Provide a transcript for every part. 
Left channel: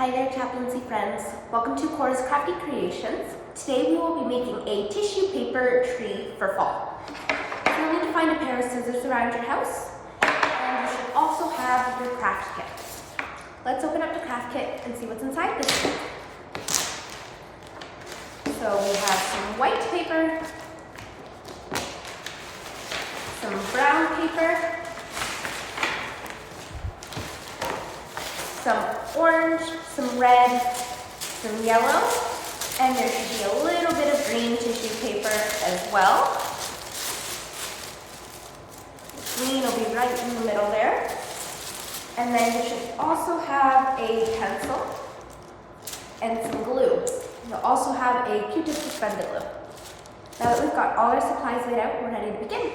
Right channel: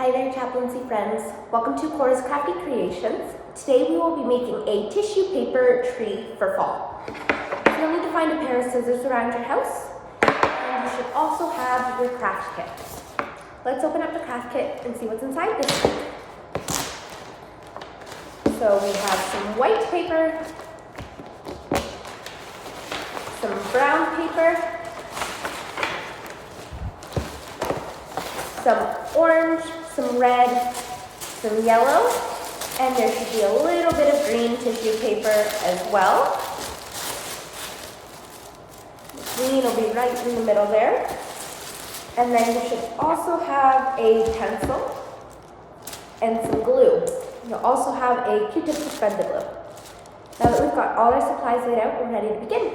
Hi there, Chaplaincy friends. Welcome to Cora's Crafty Creations. Today we will be making a tissue paper tree for fall. You'll need to find a pair of scissors around your house, and you should also have your craft kit. Let's open up the craft kit and see what's inside this kit. So we have some white paper, some brown paper, some orange, some red, some yellow, and there should be a little bit of green tissue paper as well. The green will be right in the middle there. And then you should also have a pencil and some glue. You'll also have a Q-tip to spread the glue. Now that we've got all our supplies laid out, we're ready to begin.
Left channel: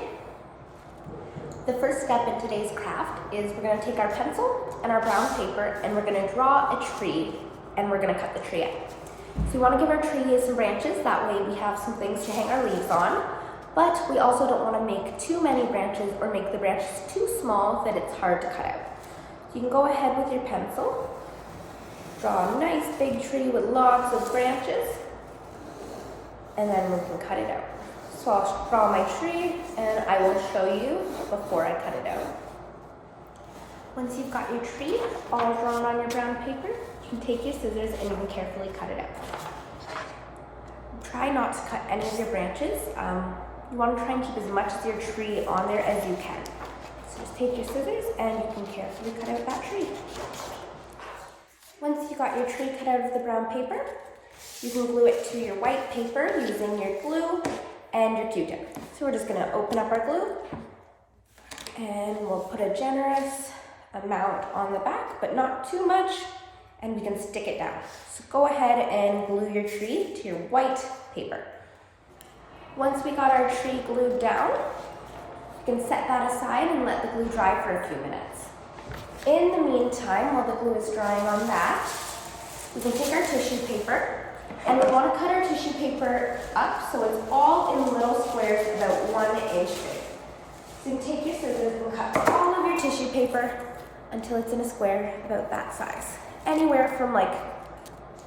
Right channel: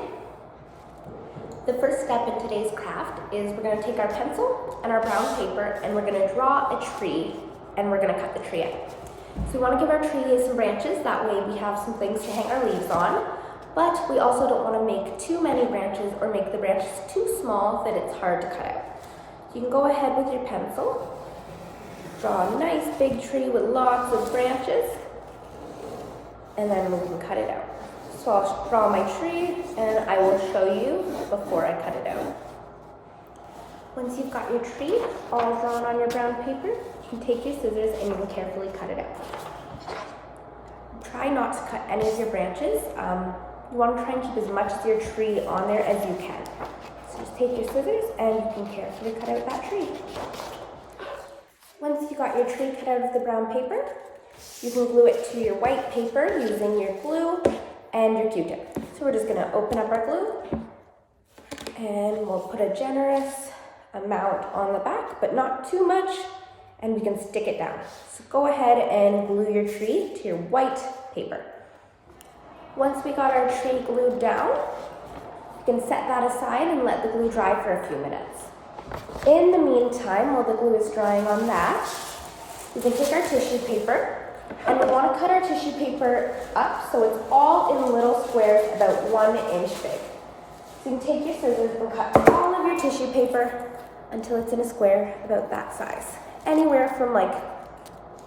The first step in today's craft is we're going to take our pencil and our brown paper and we're going to draw a tree and we're going to cut the tree out. So we want to give our tree some branches, that way we have some things to hang our leaves on, but we also don't want to make too many branches or make the branches too small that it's hard to cut out. So you can go ahead with your pencil, draw a nice big tree with lots of branches, and then we can cut it out. So I'll draw my tree and I will show you before I cut it out. Once you've got your tree all drawn on your brown paper, you can take your scissors and you can carefully cut it out. Try not to cut any of your branches. You want to try and keep as much of your tree on there as you can. So just take your scissors and you can carefully cut out that tree. Once you got your tree cut out of the brown paper, you can glue it to your white paper using your glue and your Q-tip. So we're just going to open up our glue and we'll put a generous amount on the back, but not too much, and we can stick it down. So go ahead and glue your tree to your white paper. Once we got our tree glued down, we can set that aside and let the glue dry for a few minutes. In the meantime, while the glue is drying on that, we can take our tissue paper and we want to cut our tissue paper up so it's all in little squares about 1 inch big. So you can take your scissors and cut all of your tissue paper until it's in a square about that size. Anywhere from like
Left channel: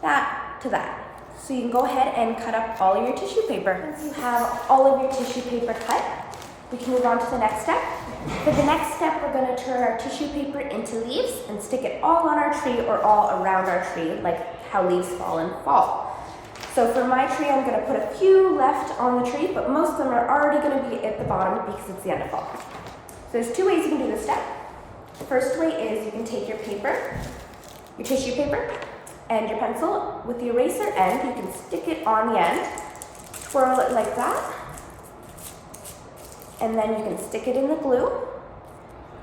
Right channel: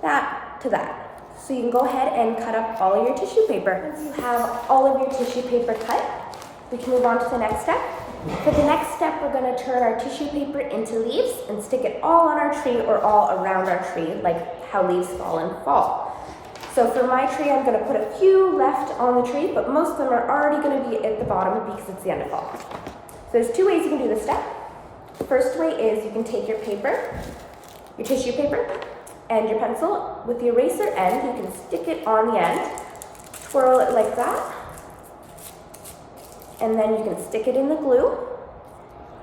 that to that. So you can go ahead and cut up all of your tissue paper. Once you have all of your tissue paper cut, we can move on to the next step. For the next step, we're going to turn our tissue paper into leaves and stick it all on our tree or all around our tree, like how leaves fall in fall. So for my tree, I'm going to put a few left on the tree, but most of them are already going to be at the bottom because it's the end of fall. So there's two ways you can do this step. The first way is you can take your paper, your tissue paper, and your pencil. With the eraser end, you can stick it on the end, twirl it like that, and then you can stick it in the glue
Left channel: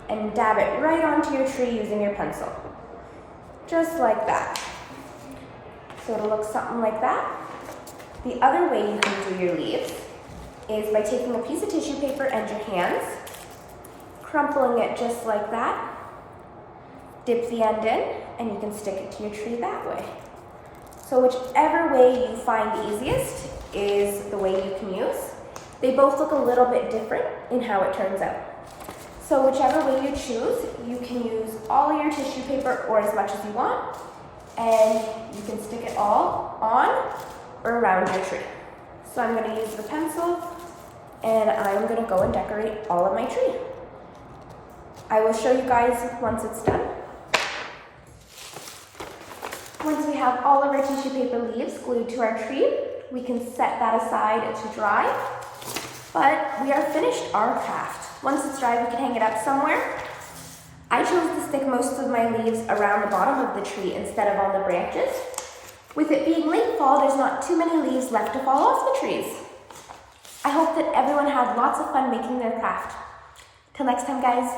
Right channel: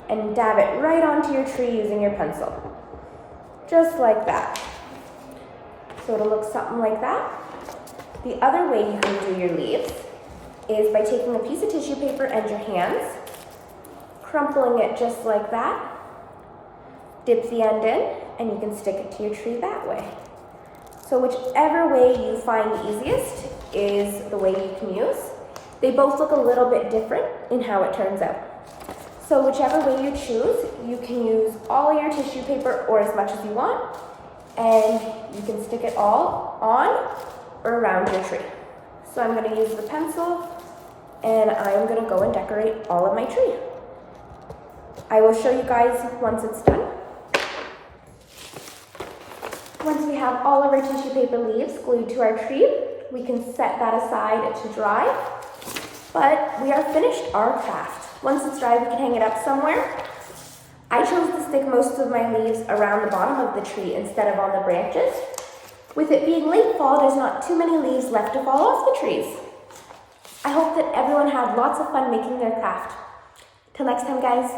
and dab it right onto your tree using your pencil. Just like that. So it'll look something like that. The other way you can do your leaves is by taking a piece of tissue paper and your hands, crumpling it just like that, dip the end in, and you can stick it to your tree that way. So whichever way you find easiest is the way you can use. They both look a little bit different in how it turns out. So whichever way you choose, you can use all of your tissue paper or as much as you want, and you can stick it all on or around your tree. So I'm going to use the pencil and I'm going to go and decorate all of my tree. I will show you guys once it's done. Once we have all of our tissue paper leaves glued to our tree, we can set that aside to dry. But we are finished our craft. Once it's dry, we can hang it up somewhere. I chose to stick most of my leaves around the bottom of the tree instead of on the branches. With it being late fall, there's not too many leaves left to fall off the trees. I hope that everyone had lots of fun making their craft. Till next time, guys.